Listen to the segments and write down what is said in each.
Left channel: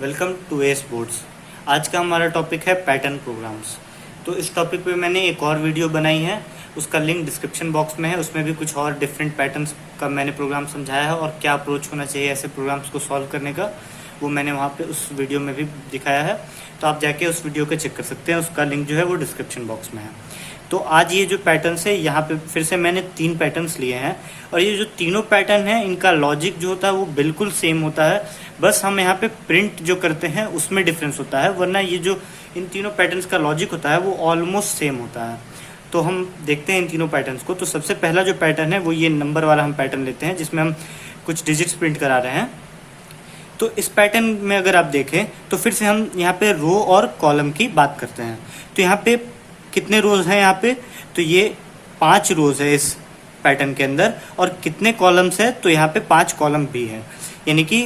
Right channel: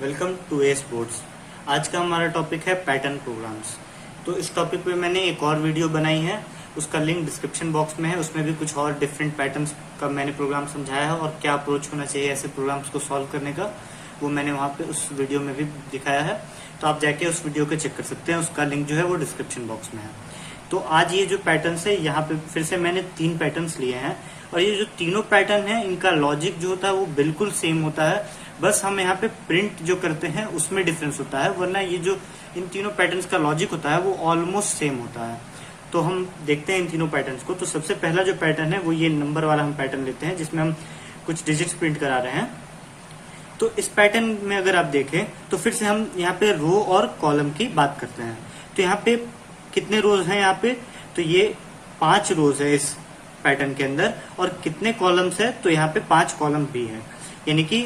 Welcome to S boards. आज का हमारा टॉपिक है पैटर्न प्रोग्राम्स। तो इस टॉपिक पे मैंने एक और वीडियो बनाई है, उसका लिंक डिस्क्रिप्शन बॉक्स में है। उसमें भी कुछ और डिफरेंट पैटर्न्स का मैंने प्रोग्राम समझाया है और क्या अप्रोच होना चाहिए ऐसे प्रोग्राम्स को सॉल्व करने का, वो मैंने वहाँ पे उस वीडियो में भी दिखाया है। तो आप जाके उस वीडियो को चेक कर सकते हैं, उसका लिंक जो है वो डिस्क्रिप्शन बॉक्स में है। तो आज ये जो पैटर्न्स है, यहाँ पे फिर से मैंने 3 पैटर्न्स लिए हैं और ये जो तीनों पैटर्न है इनका लॉजिक जो होता है वो बिल्कुल सेम होता है, बस हम यहाँ पे प्रिंट जो करते हैं उसमें डिफरेंस होता है, वरना ये जो इन तीनों पैटर्न्स का लॉजिक होता है वो ऑलमोस्ट सेम होता है। तो हम देखते हैं इन तीनों पैटर्न्स को। तो सबसे पहला जो पैटर्न है वो ये नंबर वाला हम पैटर्न लेते हैं, जिसमें हम कुछ डिजिट्स प्रिंट करा रहे हैं। तो इस पैटर्न में अगर आप देखें तो फिर से हम यहाँ पे रो और कॉलम की बात करते हैं। तो यहाँ पे कितने रोज हैं यहाँ पे, तो ये 5 रोज है इस पैटर्न के अंदर, और कितने कॉलम्स है, तो यहाँ पे 5 कॉलम भी है, यानी कि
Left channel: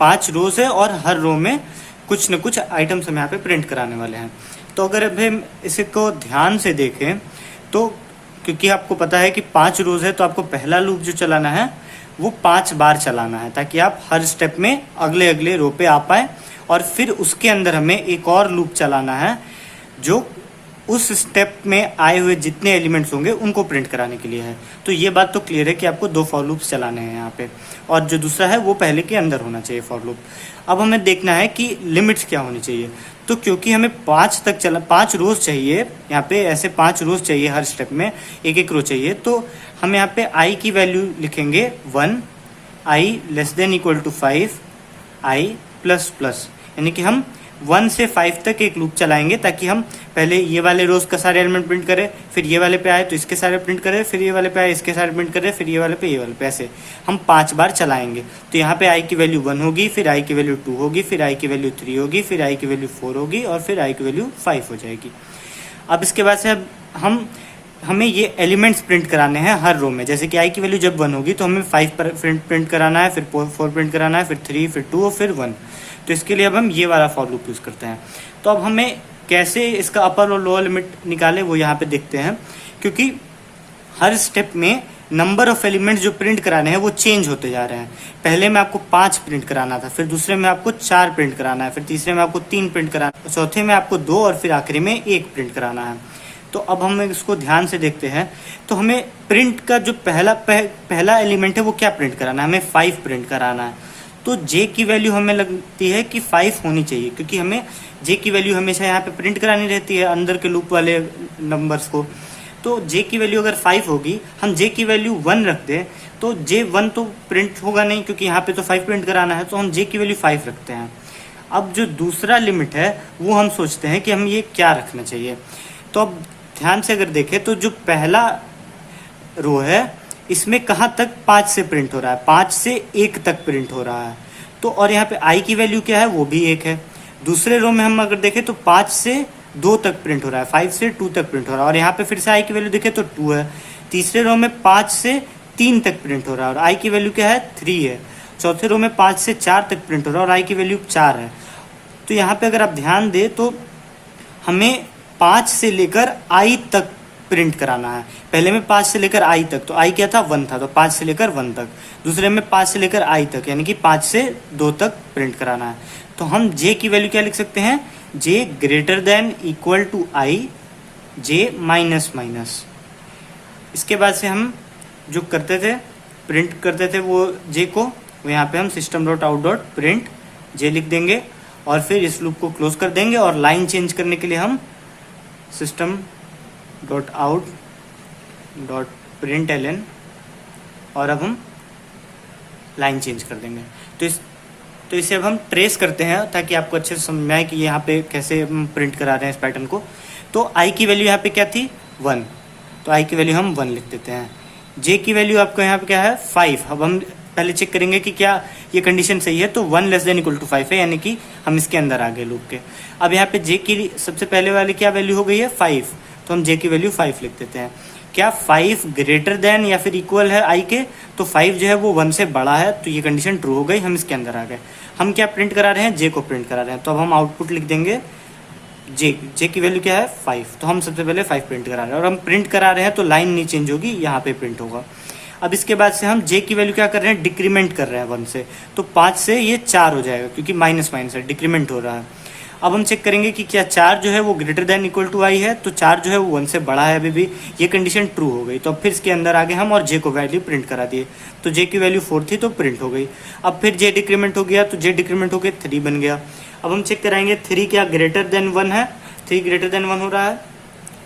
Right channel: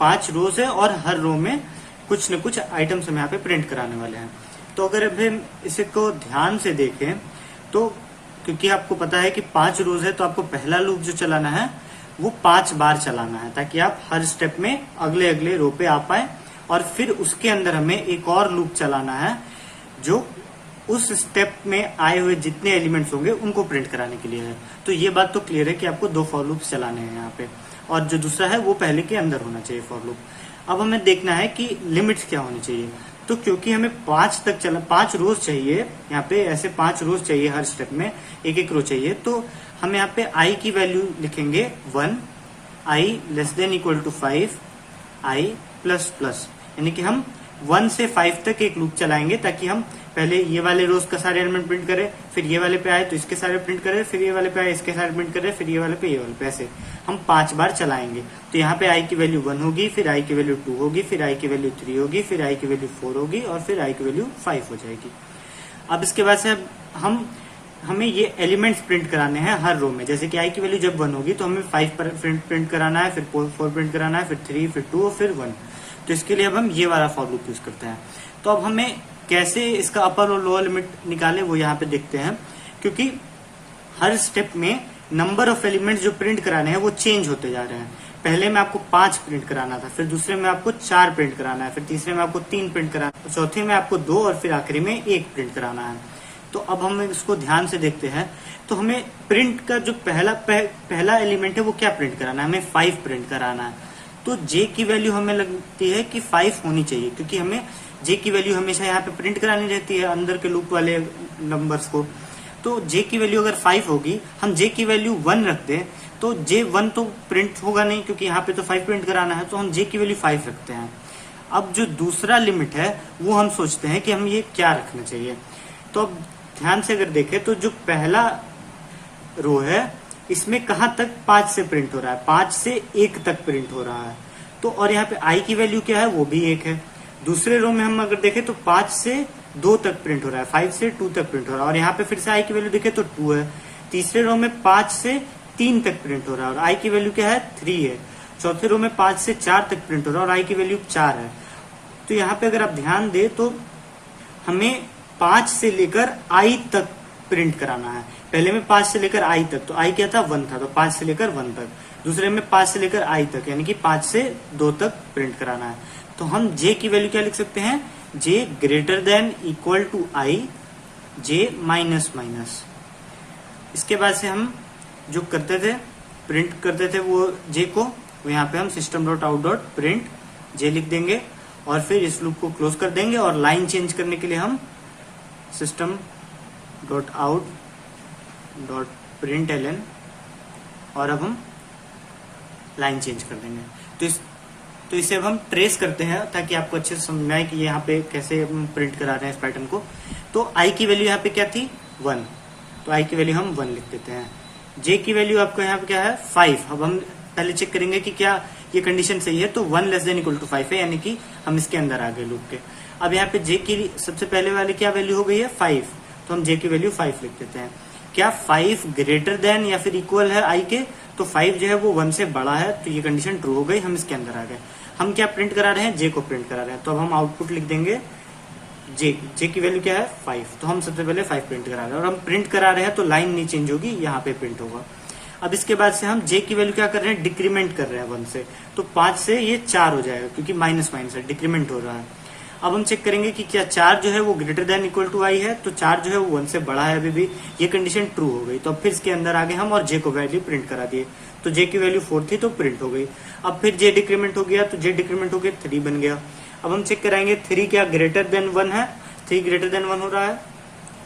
5 रोज है और हर रो में कुछ न कुछ आइटम्स हम यहाँ पे प्रिंट कराने वाले हैं। तो अगर अभी हम इसे को ध्यान से देखें तो क्योंकि आपको पता है कि 5 रोज है तो आपको पहला लूप जो चलाना है वो 5 बार चलाना है, ताकि आप हर स्टेप में अगले अगले रो पे आ पाए। और फिर उसके अंदर हमें एक और लूप चलाना है जो उस स्टेप में आए हुए जितने एलिमेंट्स होंगे उनको प्रिंट कराने के लिए है। तो ये बात तो क्लियर है कि आपको 2 फॉर लूप्स चलाने हैं यहाँ पे, और जो दूसरा है वो पहले के अंदर होना चाहिए फॉर लूप। अब हमें देखना है कि लिमिट्स क्या होनी चाहिए। तो क्योंकि हमें 5 रोज चाहिए, यहाँ पे ऐसे 5 रोज चाहिए, हर स्टेप में एक एक रो चाहिए, तो हम यहाँ पे आई की वैल्यू लिखेंगे 1, I less than equal to 5, I plus plus, यानी कि हम 1 से 5 तक एक लूप चलाएंगे, ताकि हम पहले ये वाले रोज का सारे एलिमेंट प्रिंट करें, फिर ये वाले पे आए तो इसके सारे प्रिंट करें, फिर ये वाले पे आए इसके सारे प्रिंट करें, फिर ये वाले पे, ऐसे हम 5 बार चलाएंगे। तो यहाँ पे आई की वैल्यू 1 होगी, फिर आई की वैल्यू 2 होगी, फिर आई की वैल्यू 3 होगी, फिर आई की वैल्यू 4 होगी और फिर आई की वैल्यू 5 हो जाएगी। अब इसके बाद से हमें ये एलिमेंट्स प्रिंट कराने हैं हर रो में। जैसे कि आई की वैल्यू जब 1 होगी तो हमें 5 प्रिंट कराना है, फिर 4 प्रिंट कराना है, फिर 3, फिर 2 और फिर 1। तो इसके लिए अब हम ये वाला फॉर लूप यूज करते हैं। तो अब हमें कैसे इसका अपर और लोअर लिमिट निकालें वो यहाँ पे देखते हैं, क्योंकि हर स्टेप में नंबर ऑफ एलिमेंट्स जो प्रिंट कराने हैं वो चेंज होते जा रहे हैं। पहले में आपको 5 प्रिंट कराना था, फिर दूसरे में आपको 4 प्रिंट कराना है, फिर तीसरे में आपको 3 प्रिंट कराना है, चौथे में आपको 2 और फिर आखिरी में 1 प्रिंट कराना है। तो अब हम इसको ध्यान से देखते हैं। तो हमें प्रिंट का जो पहला एलिमेंट है वो क्या प्रिंट कराना है, हमें 5 प्रिंट कराना है। तो जे की वैल्यू हमें लगती है कि 5 होनी चाहिए, क्योंकि हमें जे की वैल्यू हमेशा यहाँ पे प्रिंट करानी रहती है अंदर के लूप वाले नंबर्स को। तो जे की वैल्यू अगर 5 होगी, हम जे की वैल्यू 1 रख दें तो जे 1 तो प्रिंट होगा नहीं, क्योंकि यहाँ पे तो 5 प्रिंट कराना है, तो हम जे की वैल्यू 5 रखते हैं। अब जो दूसरा लिमिट है वो हम सोचते हैं कि हम ये क्या रखना चाहिए। तो अब ध्यान से अगर देखें तो जो पहला रो है इसमें कहाँ तक 5 से प्रिंट हो रहा है, 5 से 1 तक प्रिंट हो रहा है। तो और यहाँ पे आई की वैल्यू क्या है, वो भी 1 है। दूसरे रो में हम अगर देखें तो 5 से 2 तक प्रिंट हो रहा है, 5 से 2 तक प्रिंट हो रहा है, और यहाँ पे फिर से आई की वैल्यू देखें तो 2 है। तीसरे रो में 5 से 3 तक प्रिंट हो रहा है और आई की वैल्यू क्या है, 3 है। चौथे रो में 5 से 4 तक प्रिंट हो रहा है और आई की वैल्यू 4 है। तो यहाँ पे अगर आप ध्यान दें तो हमें 5 से लेकर आई तक प्रिंट कराना है। पहले में 5 से लेकर आई तक, तो आई क्या था, 1 था, तो 5 से लेकर 1 तक। दूसरे में 5 से लेकर आई तक, यानी कि 5 से 2 तक प्रिंट कराना है। तो हम जे की वैल्यू क्या लिख सकते हैं, J greater than equal to I, J minus minus. इसके बाद से हम जो करते थे, प्रिंट करते थे वो जे को, वो यहाँ पे हम system dot out dot print J लिख देंगे और फिर इस लूप को क्लोज कर देंगे। और लाइन चेंज करने के लिए हम system dot out dot print L, और अब हम लाइन चेंज कर देंगे। तो इसे अब हम ट्रेस करते हैं ताकि आपको अच्छे से समझ में आए कि यहाँ पे कैसे हम प्रिंट करा रहे हैं इस पैटर्न को। तो आई की वैल्यू यहाँ पे क्या थी, 1, तो आई की वैल्यू हम 1 लिख देते हैं। जे की वैल्यू आपको यहाँ पे क्या है, 5। अब हम पहले चेक करेंगे कि क्या ये कंडीशन सही है, तो 1 लेस देन इक्वल टू 5 है, यानी कि हम इसके अंदर आ गए लूप के। अब यहाँ पे जे की सबसे पहले वाली क्या वैल्यू हो गई है, 5, तो हम जे की वैल्यू 5 लिख देते हैं। क्या 5 ग्रेटर देन या फिर इक्वल है आई के, तो 5 जो है वो 1 से बड़ा है, तो ये कंडीशन ट्रू हो गई, हम इसके अंदर आ गए। हम क्या प्रिंट करा रहे हैं, जे को प्रिंट करा रहे हैं, तो अब हम आउटपुट लिख देंगे जे की वैल्यू क्या है, 5, तो हम सबसे पहले 5 प्रिंट करा रहे हैं, और हम प्रिंट करा रहे हैं तो लाइन नहीं चेंज होगी, यहाँ पे प्रिंट होगा। अब इसके बाद से हम जे की वैल्यू क्या कर रहे हैं, डिक्रीमेंट कर रहे हैं 1 से, तो 5 से ये 4 हो जाएगा क्योंकि माइनस माइनस है, डिक्रीमेंट हो रहा है। अब हम चेक करेंगे कि क्या 4 जो है वो ग्रेटर देन इक्वल टू आई है, तो 4 जो है वो 1 से बड़ा है अभी भी, ये कंडीशन ट्रू हो गई। तो अब फिर इसके अंदर आगे हम और जे को वैल्यू प्रिंट करा दिए, तो जे की वैल्यू 4 थी तो प्रिंट हो गई। अब फिर जे डिक्रीमेंट हो गया, तो जे डिक्रीमेंट हो गया 3 बन गया। अब हम चेक कराएंगे 3 क्या ग्रेटर देन 1 है, 3 ग्रेटर देन 1 हो रहा है,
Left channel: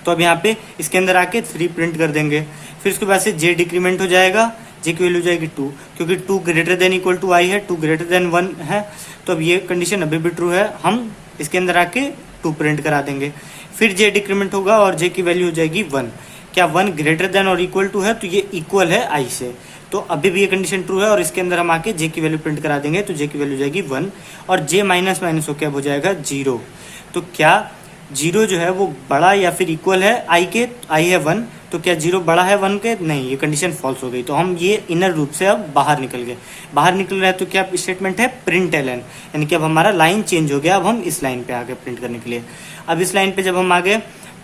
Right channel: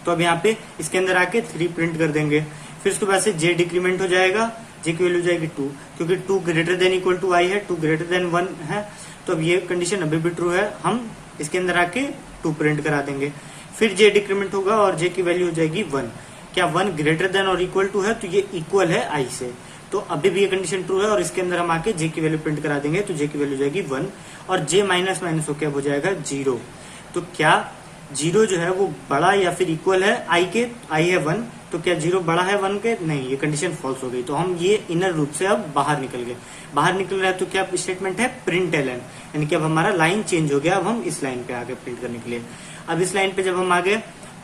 तो अब यहाँ पे इसके अंदर आके 3 प्रिंट कर देंगे। फिर उसके बाद से जे डिक्रीमेंट हो जाएगा, जे की वैल्यू हो जाएगी 2, क्योंकि 2 ग्रेटर देन इक्वल टू आई है, 2 ग्रेटर देन 1 है, तो अब ये कंडीशन अभी भी ट्रू है, हम इसके अंदर आके 2 प्रिंट करा देंगे। फिर जे डिक्रीमेंट होगा और जे की वैल्यू हो जाएगी 1, क्या 1 ग्रेटर देन और इक्वल टू है, तो ये इक्वल है आई से, तो अभी भी ये कंडीशन ट्रू है और इसके अंदर हम आके जे की वैल्यू प्रिंट करा देंगे, तो जे की वैल्यू हो जाएगी 1 और जे माइनस माइनस होकर अब हो जाएगा 0। तो क्या 0 जो है वो बड़ा या फिर इक्वल है आई के, आई है 1, तो क्या 0 बड़ा है 1 के, नहीं, ये कंडीशन फॉल्स हो गई। तो हम ये इनर लूप से अब बाहर निकल गए। बाहर निकल रहा है तो क्या स्टेटमेंट है, प्रिंट एलन, यानी कि अब हमारा लाइन चेंज हो गया, अब हम इस लाइन पे आ गए प्रिंट करने के लिए। अब इस लाइन पे जब हम आ गए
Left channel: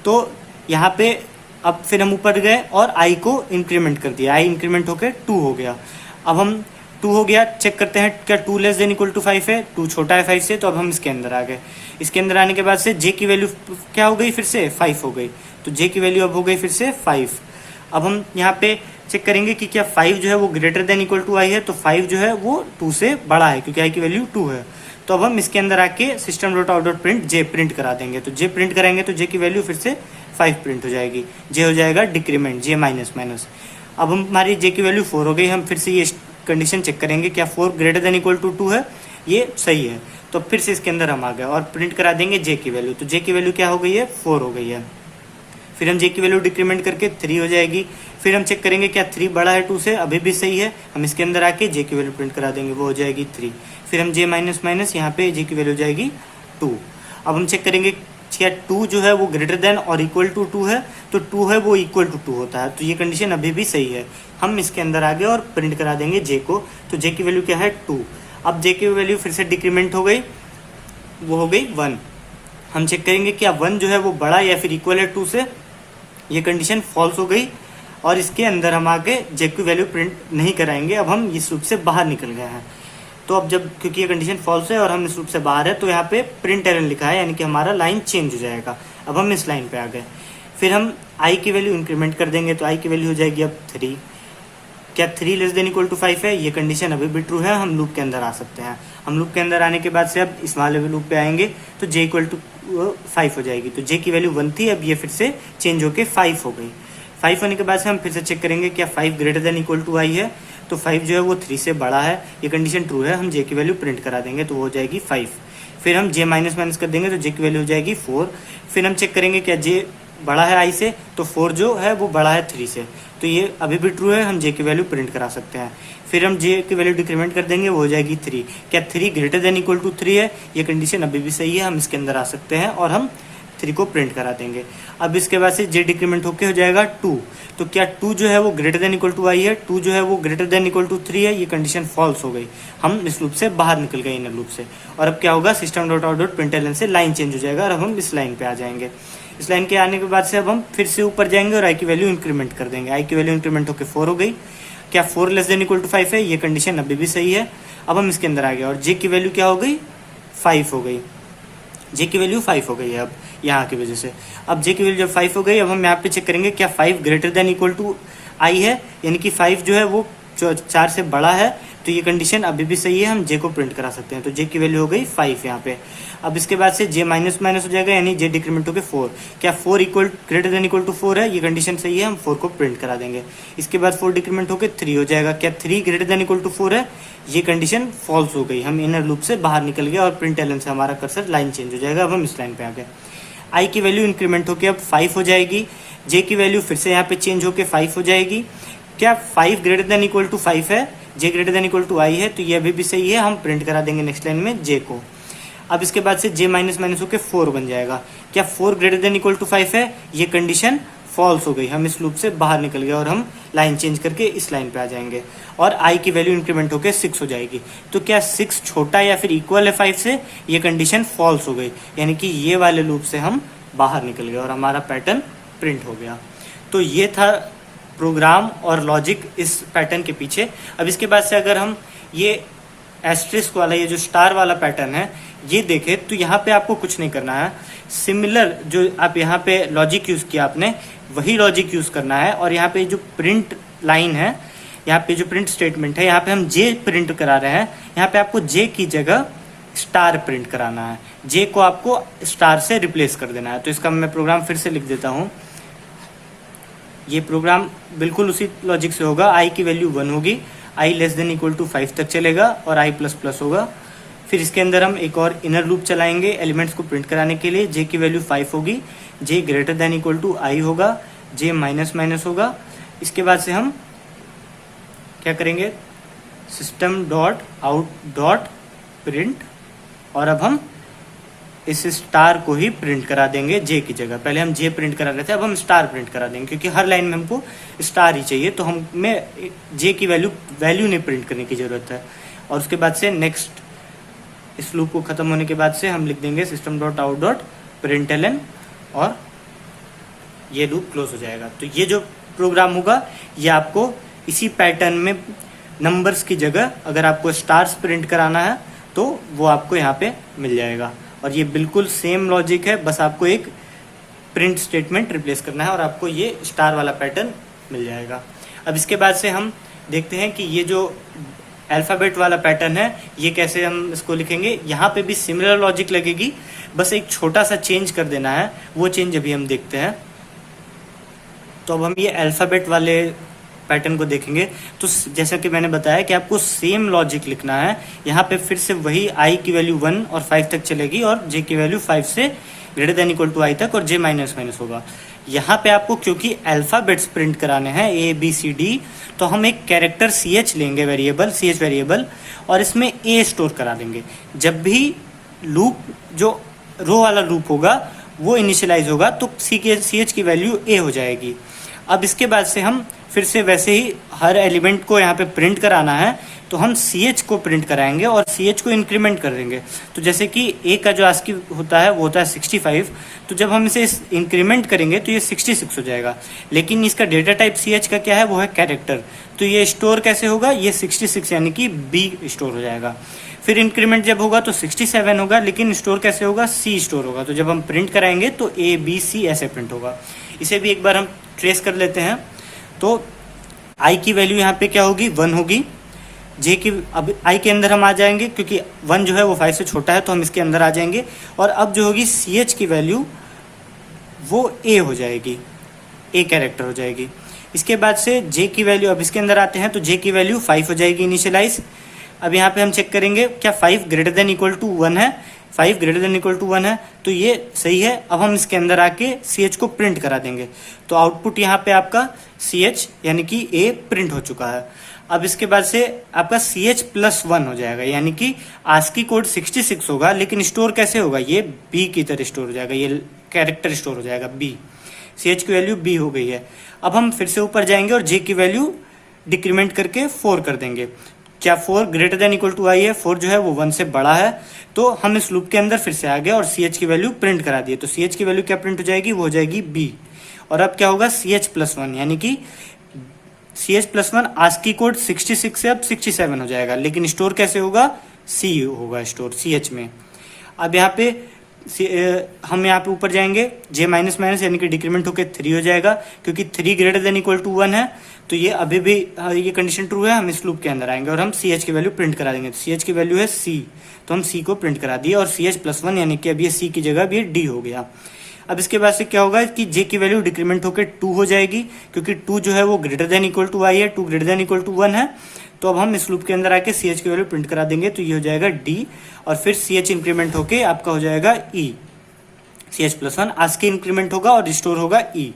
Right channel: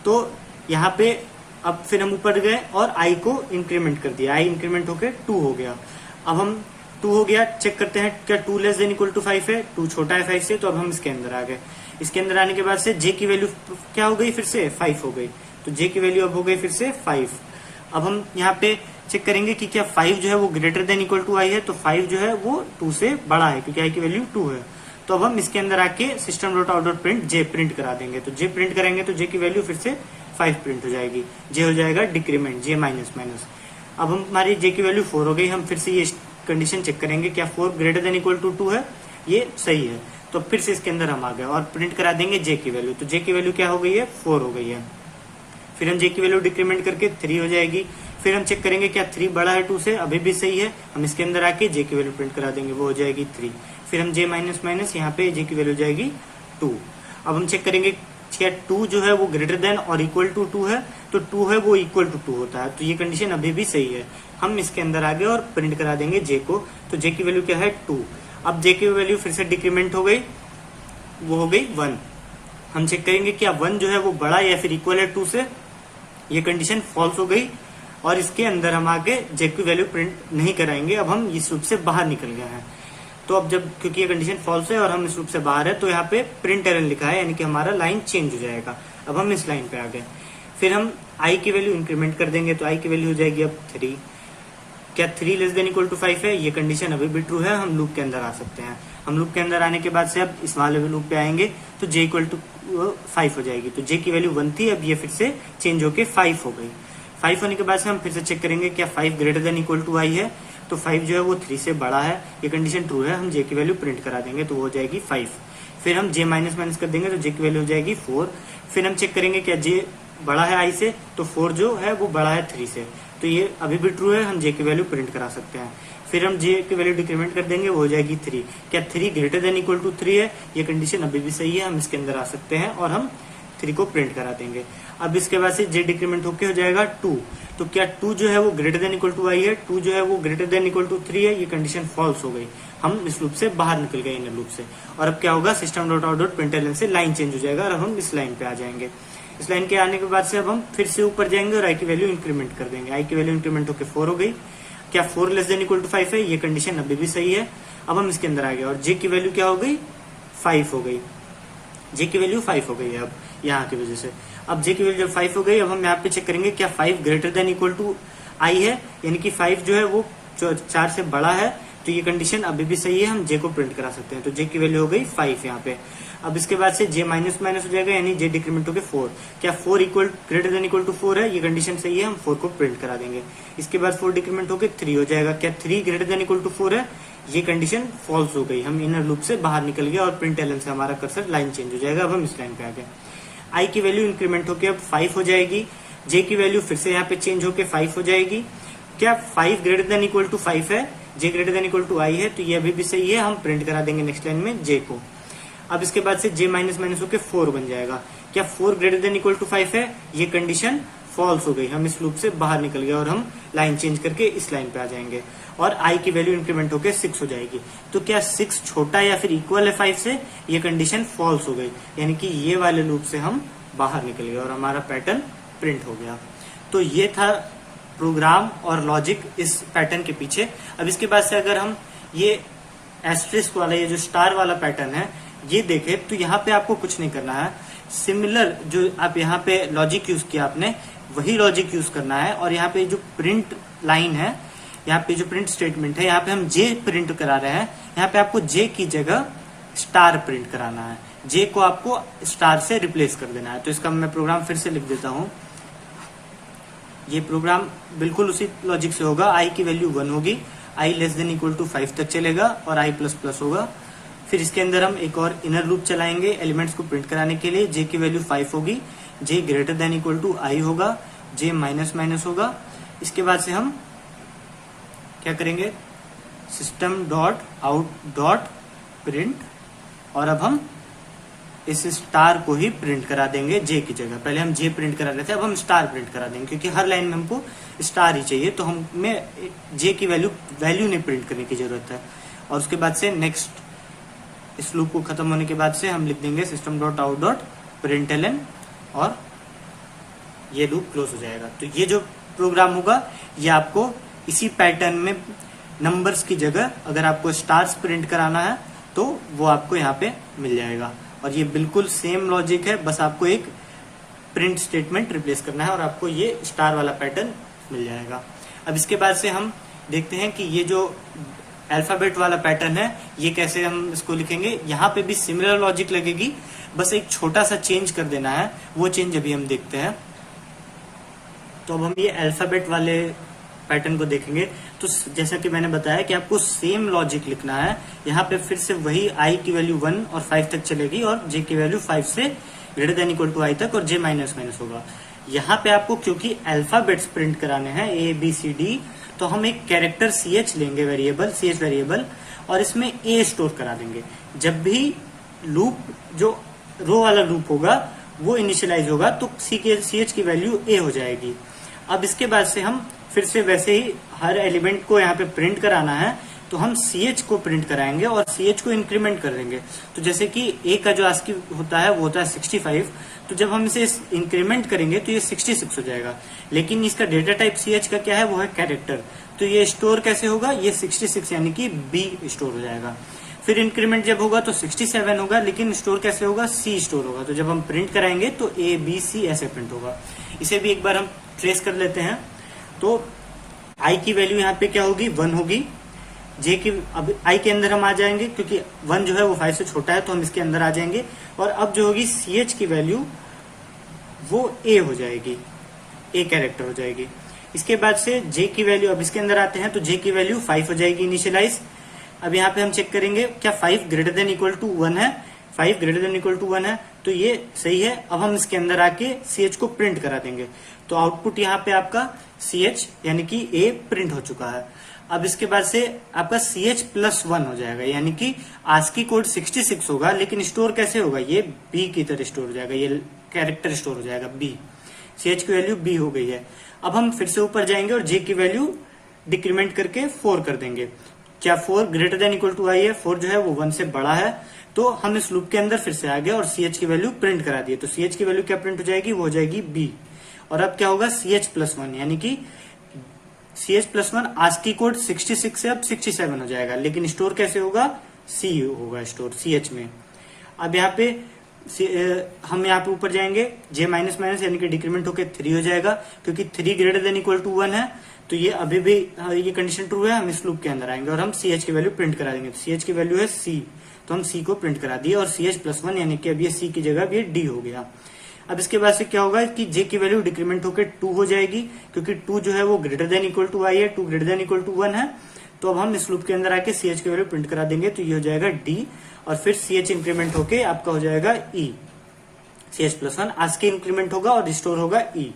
तो यहाँ पे अब फिर हम ऊपर गए और आई को इंक्रीमेंट कर दिया, आई इंक्रीमेंट होकर 2 हो गया। अब हम 2 हो गया, चेक करते हैं क्या 2 लेस देन इक्वल टू 5 है, 2 छोटा है 5 से, तो अब हम इसके अंदर आ गए। इसके अंदर आने के बाद से जे की वैल्यू क्या हो गई, फिर से 5 हो गई, तो जे की वैल्यू अब हो गई फिर से 5। अब हम यहाँ पे चेक करेंगे कि क्या 5 जो है वो ग्रेटर देन इक्वल टू आई है, तो 5 जो है वो 2 से बड़ा है क्योंकि आई की वैल्यू 2 है। तो अब हम इसके अंदर आके system dot out dot print J print करा देंगे, तो जे प्रिंट कराएंगे तो जे की वैल्यू फिर से 5 प्रिंट हो जाएगी, जे हो जाएगा डिक्रीमेंट, जे माइनस माइनस। अब हमारी जे की वैल्यू 4 हो गई, हम फिर से ये कंडीशन चेक करेंगे क्या 4 ग्रेटर देन इक्वल टू 2 है, ये सही है, तो फिर से इसके अंदर हम आ गए और प्रिंट करा देंगे जे की वैल्यू, तो जे की वैल्यू क्या हो गई है, 4 हो गई है। फिर हम जे की वैल्यू डिक्रीमेंट करके 3 हो जाएगी। फिर हम चेक करेंगे क्या 3 बड़ा है 2 से, अभी भी सही है, हम इसके अंदर आके जे की वैल्यू प्रिंट करा देंगे, वो हो जाएगी 3। फिर हम जे माइनस माइनस, यहाँ पे जे की वैल्यू हो जाएगी 2। अब हम चेक करेंगे क्या 2 जो है वो ग्रेटर देन और इक्वल टू 2 है, तो 2 है वो इक्वल टू 2 होता है, तो ये कंडीशन अभी भी सही है। हम इसके अंदर आ गए और प्रिंट करा देंगे जे को, तो जे की वैल्यू क्या है 2। अब जे की वैल्यू फिर से डिक्रीमेंट हो गई, वो हो गई 1। हम चेक करेंगे क्या 1 जो है वो बड़ा या फिर इक्वल है 2 से, ये कंडीशन फॉल्स हो गई और इसके अंदर हम आगे जे की वैल्यू प्रिंट नहीं कराएंगे, अब हम इस लूप से बाहर निकल गए हैं। तो अब जब क्योंकि ये कंडीशन फॉल्स है और हम इस लूप से बाहर है, तो यहाँ पे प्रिंट एरर लिखा है, यानी कि हमारा लाइन चेंज हो जाएगा। अब हम इस लाइन पे आ गए, फिर हम आई की वैल्यू इंक्रीमेंट कर देंगे, तो आई की वैल्यू हो जाएगी अब 3। क्या 3 लेस देन इक्वल टू 5 है, ये कंडीशन अभी भी ट्रू है, हम लूप के अंदर आ सकते हैं। हम लूप के अंदर आने के बाद से अब इस वाले लूप पे आएंगे तो जे इक्वल टू 5 हो जाएगी, तो जे की वैल्यू 1 थी, अब ये फिर से चेंज होके 5 हो गई। 5 होने के बाद से हम फिर से चेक करेंगे क्या 5 ग्रेटर देन इक्वल टू आई है, तो 5 जो है वो 3 से बड़ा है, ये कंडीशन ट्रू है, हम जे की वैल्यू प्रिंट करा देंगे, तो वो हो जाएगी 5। फिर हम जे माइनस माइनस कर देंगे तो जे की वैल्यू हो जाएगी 4। फिर हम चेक करेंगे क्या जे बड़ा है आई से, तो 4 जो है वो बड़ा है 3 से, तो ये अभी भी ट्रू है, हम जे की वैल्यू प्रिंट करा सकते हैं। फिर हम जे की वैल्यू डिक्रीमेंट कर देंगे, वो हो जाएगी 3। क्या 3 ग्रेटर देन इक्वल टू 3 है, ये कंडीशन अभी भी सही है, हम इसके अंदर आ सकते हैं और हम 3 को प्रिंट करा देंगे। अब इसके बाद से जे डिक्रीमेंट होके हो जाएगा 2, तो क्या 2 जो है वो ग्रेटर देन इक्वल टू आई है, 2 जो है वो ग्रेटर देन इक्वल टू 3 है, ये कंडीशन फॉल्स हो गई, हम इस लूप से बाहर निकल गए इन लूप से। और अब क्या होगा, system dot out dot println से लाइन चेंज हो जाएगा और अब हम इस लाइन पे आ जाएंगे। इस लाइन के आने के बाद से अब हम फिर से ऊपर जाएंगे और आई की वैल्यू इंक्रीमेंट कर देंगे, आई की वैल्यू इंक्रीमेंट होकर 4 हो गई। क्या 4 लेस देन इक्वल टू 5 है, ये कंडीशन अभी भी सही है, अब हम इसके अंदर आ गए और जे की वैल्यू क्या हो गई, 5 हो गई, जे की वैल्यू 5 हो गई है अब यहाँ की वजह से। अब जे की वैल्यू जब 5 हो गई, अब हम यहाँ पे चेक करेंगे क्या 5 ग्रेटर देन इक्वल टू आई है, यानी कि 5 जो है वो 4 से बड़ा है, तो ये कंडीशन अभी भी सही है, हम जे को प्रिंट करा सकते हैं, तो जे की वैल्यू हो गई 5 यहाँ पे। अब इसके बाद से जे माइनस माइनस हो जाएगा, यानी जे डिक्रीमेंट हो गया 4। क्या 4 equal greater than equal to 4 है, ये कंडीशन सही है, हम 4 को प्रिंट करा देंगे। इसके बाद 4 डिक्रीमेंट होकर 3 हो जाएगा। क्या 3 ग्रेटर देन इक्वल टू 4 है, ये कंडीशन फॉल्स हो गई, हम इनर लूप से बाहर निकल गए और प्रिंट एलन से हमारा कर्सर लाइन चेंज हो जाएगा। अब हम इस लाइन पे आ गए, आई की वैल्यू इंक्रीमेंट होकर अब 5 हो जाएगी, जे की वैल्यू फिर से यहाँ पे चेंज होकर 5 हो जाएगी। क्या 5 ग्रेटर देन इक्वल टू 5 है, जे ग्रेटर देन इक्वल टू आई है, तो ये अभी भी सही है, हम प्रिंट करा देंगे नेक्स्ट लाइन में जे को। अब इसके बाद से जे माइनस माइनस होकर 4 बन जाएगा। क्या 4 ग्रेटर देन इक्वल टू 5 है, ये कंडीशन फॉल्स हो गई, हम इस लूप से बाहर निकल गए और हम लाइन चेंज करके इस लाइन पे आ जाएंगे और आई की वैल्यू इंक्रीमेंट होकर 6 हो जाएगी। तो क्या 6 छोटा या फिर इक्वल है 5 से, ये कंडीशन फॉल्स हो गई, यानी कि ये वाले लूप से हम बाहर निकल गए और हमारा पैटर्न प्रिंट हो गया। तो ये था प्रोग्राम और लॉजिक इस पैटर्न के पीछे। अब इसके बाद से अगर हम ये एस्ट्रिस्क वाला, ये जो स्टार वाला पैटर्न है, ये देखें तो यहाँ पे आपको कुछ नहीं करना है। सिमिलर जो आप यहाँ पे लॉजिक यूज किया आपने, वही लॉजिक यूज करना है। और यहाँ पे जो प्रिंट लाइन है, यहाँ पे जो प्रिंट स्टेटमेंट है, यहाँ पे हम जे प्रिंट करा रहे हैं, यहाँ पे आपको जे की जगह स्टार प्रिंट कराना है। जे को आपको स्टार से रिप्लेस कर देना है। तो इसका मैं प्रोग्राम फिर से लिख देता हूँ। ये प्रोग्राम बिल्कुल उसी लॉजिक से होगा। आई की वैल्यू 1 होगी, आई लेस देन इक्वल टू 5 तक चलेगा और आई प्लस प्लस होगा। फिर इसके अंदर हम एक और इनर लूप चलाएंगे एलिमेंट्स को प्रिंट कराने के लिए। जे की वैल्यू 5 होगी, जे ग्रेटर देन इक्वल टू आई होगा, जे माइनस माइनस होगा। इसके बाद से हम क्या करेंगे, system dot out dot print, और अब हम इस स्टार को ही प्रिंट करा देंगे जे की जगह। पहले हम जे प्रिंट करा रहे थे, अब हम स्टार प्रिंट करा देंगे, क्योंकि हर लाइन में हमको स्टार ही चाहिए, तो हमें जे की वैल्यू नहीं प्रिंट करने की जरूरत है। और उसके बाद से नेक्स्ट, इस लूप को खत्म होने के बाद से हम लिख देंगे system dot out dot println, और ये लूप क्लोज हो जाएगा। तो ये जो प्रोग्राम होगा, ये आपको इसी पैटर्न में नंबर्स की जगह अगर आपको स्टार्स प्रिंट कराना है तो वो आपको यहाँ पे मिल जाएगा। और ये बिल्कुल सेम लॉजिक है, बस आपको एक प्रिंट स्टेटमेंट रिप्लेस करना है और आपको ये स्टार वाला पैटर्न मिल जाएगा। अब इसके बाद से हम देखते हैं कि ये जो अल्फाबेट वाला पैटर्न है, ये कैसे हम इसको लिखेंगे। यहाँ पे भी सिमिलर लॉजिक लगेगी, बस एक छोटा सा चेंज कर देना है। वो चेंज अभी हम देखते हैं। तो अब हम ये अल्फाबेट वाले पैटर्न को देखेंगे। तो जैसा कि मैंने बताया कि आपको सेम लॉजिक लिखना है। यहाँ पे फिर से वही आई की वैल्यू 1 और 5 तक चलेगी, और जे की वैल्यू 5 से ग्रेटर देन इक्वल टू आई तक, और जे माइनस माइनस होगा। यहाँ पे आपको क्योंकि अल्फाबेट्स प्रिंट कराने हैं ए बी सी डी, तो हम एक कैरेक्टर सी एच लेंगे, वेरिएबल सी एच वेरिएबल, और इसमें ए स्टोर करा देंगे। जब भी लूप, जो रो वाला लूप होगा, वो इनिशियलाइज होगा तो सी एच की वैल्यू ए हो जाएगी। अब इसके बाद से हम फिर से वैसे ही हर एलिमेंट को यहाँ पे प्रिंट कराना है, तो हम सी एच को प्रिंट कराएंगे और सी एच को इंक्रीमेंट कर देंगे। तो जैसे कि ए का जो आस्की होता है वो होता है 65, तो जब हम इसे इंक्रीमेंट करेंगे तो ये 66 हो जाएगा। लेकिन इसका डेटा टाइप सी एच का क्या है, वो है कैरेक्टर। तो ये स्टोर कैसे होगा, ये 66 यानी कि बी स्टोर हो जाएगा। फिर इंक्रीमेंट जब होगा तो 67 होगा, लेकिन स्टोर कैसे होगा, सी स्टोर होगा। तो जब हम प्रिंट कराएंगे तो ए बी सी ऐसे प्रिंट होगा। इसे भी एक बार हम ट्रेस कर लेते हैं। तो i की वैल्यू यहाँ पे क्या होगी, 1 होगी। j की, अब i के अंदर हम आ जाएंगे क्योंकि 1 जो है वो 5 से छोटा है, तो हम इसके अंदर आ जाएंगे। और अब जो होगी ch की वैल्यू वो a हो जाएगी, a कैरेक्टर हो जाएगी। इसके बाद से j की वैल्यू, अब इसके अंदर आते हैं तो j की वैल्यू 5 हो जाएगी इनिशियलाइज। अब यहाँ पे हम चेक करेंगे क्या 5 ग्रेटर देन इक्वल टू 1 है, 5 ग्रेटर देन इक्वल टू 1 है, तो ये सही है। अब हम इसके अंदर आके सी एच को प्रिंट करा देंगे। तो आउटपुट यहाँ पे आपका सी एच यानी कि ए प्रिंट हो चुका है। अब इसके बाद से आपका सी एच प्लस 1 हो जाएगा, यानी कि आस्की कोड 66 होगा, लेकिन स्टोर कैसे होगा, ये बी की तरह स्टोर हो जाएगा, ये कैरेक्टर स्टोर हो जाएगा बी। सी एच की वैल्यू बी हो गई है। अब हम फिर से ऊपर जाएंगे और जे की वैल्यू डिक्रीमेंट करके 4 कर देंगे। क्या 4 ग्रेटर देन इक्वल टू आई है, 4 जो है वो 1 से बड़ा है, तो हम इस लूप के अंदर फिर से आ गए और सी एच की वैल्यू प्रिंट करा दिए। तो सी एच की वैल्यू क्या प्रिंट हो जाएगी, वो हो जाएगी बी। और अब क्या होगा, सी एच प्लस 1, यानी कि C H plus 1 ASCII code 66 से अब 67 हो जाएगा, लेकिन स्टोर कैसे होगा, सी होगा स्टोर सी एच में। अब यहाँ पे हम यहाँ पे ऊपर जाएंगे, जे माइनस माइनस यानी कि डिक्रीमेंट होकर 3 हो जाएगा, क्योंकि 3 ग्रेटर देन इक्वल टू 1 है, तो ये अभी भी ये कंडीशन ट्रू है। हम इस लूप के अंदर आएंगे और हम सी एच की वैल्यू प्रिंट करा देंगे। सी एच की वैल्यू है सी, तो हम सी को प्रिंट करा दिए और सी एच प्लस 1 यानी कि अब ये सी की जगह अब ये डी हो गया। अब इसके बाद से क्या होगा कि जे की वैल्यू डिक्रीमेंट होकर 2 हो जाएगी, क्योंकि 2 जो है वो ग्रेटर देन इक्वल टू आई है, 2 ग्रेटर देन इक्वल टू 1 है। तो अब हम इस लूप के अंदर आके सी एच की वैल्यू प्रिंट करा देंगे, तो ये हो जाएगा डी, और फिर सी एच इंक्रीमेंट होके आपका हो जाएगा ई। सी एच प्लस 1 आज के इंक्रीमेंट होगा और रिस्टोर होगा ई।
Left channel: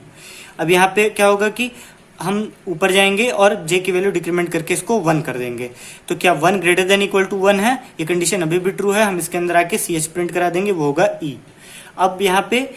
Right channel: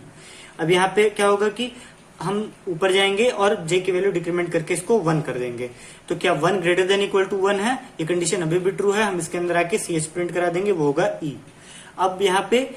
अब यहाँ पे क्या होगा कि हम ऊपर जाएंगे और जे की वैल्यू डिक्रीमेंट करके इसको 1 कर देंगे। तो क्या 1 ग्रेटर देन इक्वल टू 1 है, ये कंडीशन अभी भी ट्रू है। हम इसके अंदर आके सी एच प्रिंट करा देंगे, वो होगा ई। अब यहाँ पे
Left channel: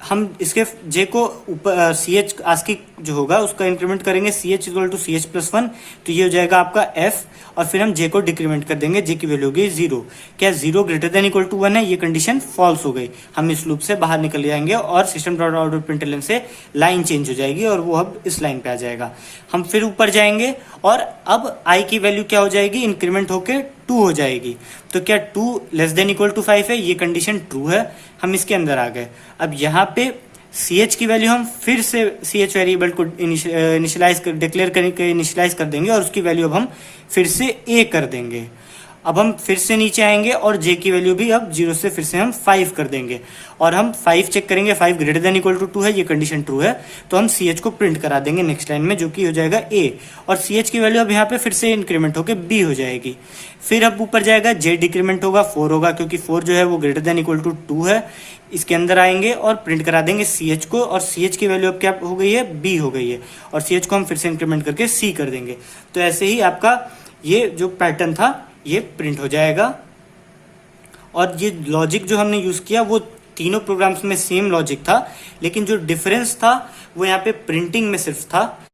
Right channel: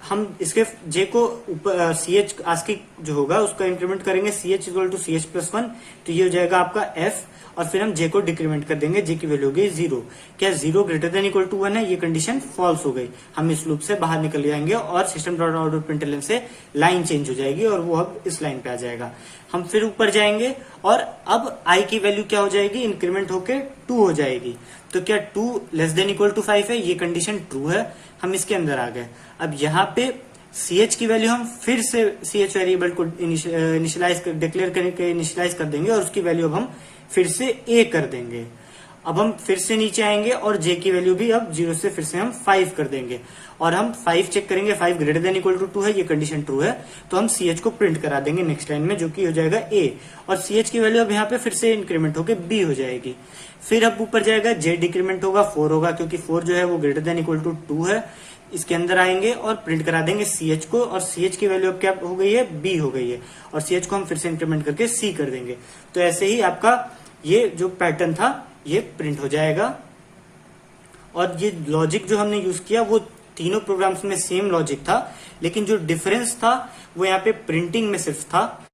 हम इसके जे को ऊपर सी एच आस्की जो होगा उसका इंक्रीमेंट करेंगे C H equal to C H plus one, तो ये हो जाएगा आपका एफ, और फिर हम जे को डिक्रीमेंट कर देंगे, जे की वैल्यू होगी 0। क्या 0 ग्रेटर देन इक्वल टू 1 है? ये कंडीशन फॉल्स हो गई, हम इस लूप से बाहर निकल जाएंगे और सिस्टम डॉट आउट प्रिंटलन से लाइन चेंज हो जाएगी और वो अब इस लाइन पे आ जाएगा। हम फिर ऊपर जाएंगे और अब आई की वैल्यू क्या हो जाएगी? इंक्रीमेंट होके 2 हो जाएगी। तो क्या 2 लेस देन इक्वल टू 5 है? ये कंडीशन ट्रू है, हम इसके अंदर आ गए। अब यहाँ पे सी एच की वैल्यू हम फिर से सी एच वेरिएबल को इनिशियलाइज डिक्लेयर करके इनिशियलाइज कर देंगे और उसकी वैल्यू अब हम फिर से ए कर देंगे। अब हम फिर से नीचे आएंगे और जे की वैल्यू भी अब 0 से फिर से हम 5 कर देंगे और हम 5 चेक करेंगे, 5 ग्रेटर देन इक्वल टू 2 है, ये कंडीशन ट्रू है, तो हम सी एच को प्रिंट करा देंगे नेक्स्ट लाइन में, जो कि हो जाएगा ए, और सी एच की वैल्यू अब यहाँ पे फिर से इंक्रीमेंट होकर बी हो जाएगी। फिर अब ऊपर जाएगा, जे डिक्रीमेंट होगा 4 होगा, क्योंकि 4 जो है वो ग्रेटर देन इक्वल टू 2 है। इसके अंदर आएंगे और प्रिंट करा देंगे सी एच को, और सी एच की वैल्यू अब क्या हो गई है? बी हो गई है, और सी एच को हम फिर से इंक्रीमेंट करके सी कर देंगे। तो ऐसे ही आपका ये जो पैटर्न था ये प्रिंट हो जाएगा। और ये लॉजिक जो हमने यूज किया वो तीनों प्रोग्राम्स में सेम लॉजिक था, लेकिन जो डिफरेंस था वो यहाँ पे प्रिंटिंग में सिर्फ था।